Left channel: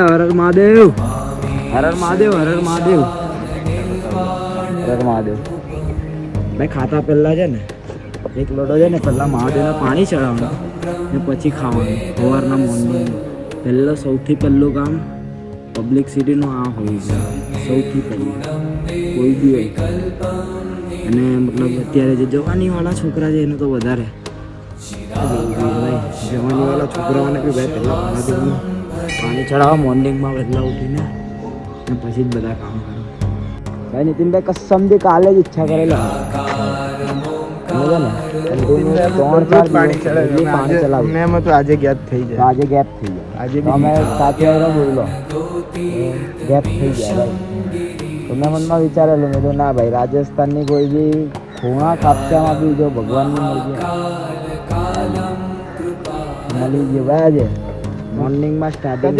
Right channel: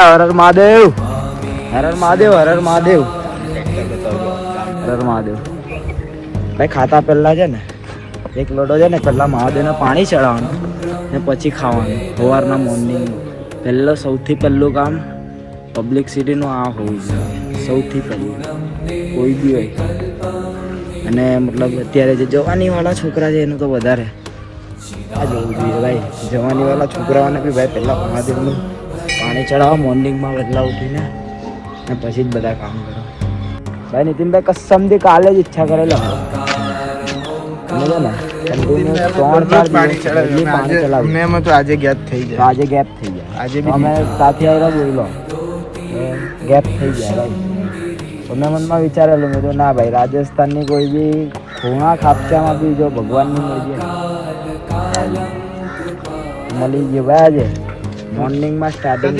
હર હર મહાદેવ, હર હર મહાદેવ, હર હર મહાદેવ, હર હર મહાદેવ. ભાઈ ખાતા પહેલા છે ને એક લોટો છે ને પહેલા મહાદેવને પાણી ચડાવવાનું ને પછી ખાવાનું. સવારના મોર્નિંગ પહેલો સૌથી પહેલું કામ પબ્લિકસિટીનું આ હોવું જોઈએ સૌથી પહેલું કોઈ બી હોય. અને મતલબ અત્યારે જે જવાનીવાળા છોકરા છે એનું તો વધારે ભાઈ, જવાનીવાળા છોકરાઓને બી ભાઈ પહેલાં મહાદેવનું પાણી ચડાવો મોર્નિંગમાં વહેલા ઉઠીને ને પછી જ બધા કામ કરો. ભાઈ નીતિનભાઈ કસમથી કાલે જ ઈચ્છા કરેલો આજે ગેપ થઈ જાય. આજે ગેપ થઈ ગયા. આજે અમે સાથે જોઈ લો ગેપ થઈ ગયા. તો મેં મનમાં વિચારેલું મેં ના ભાઈ રાજસ્થાનની કોઈ બી ખૂણા ખાપચામાં બી જો ભગવાનની મળી ગયો ભાઈ આજે મોર્નિંગમાં સ્ટાર્ટિંગ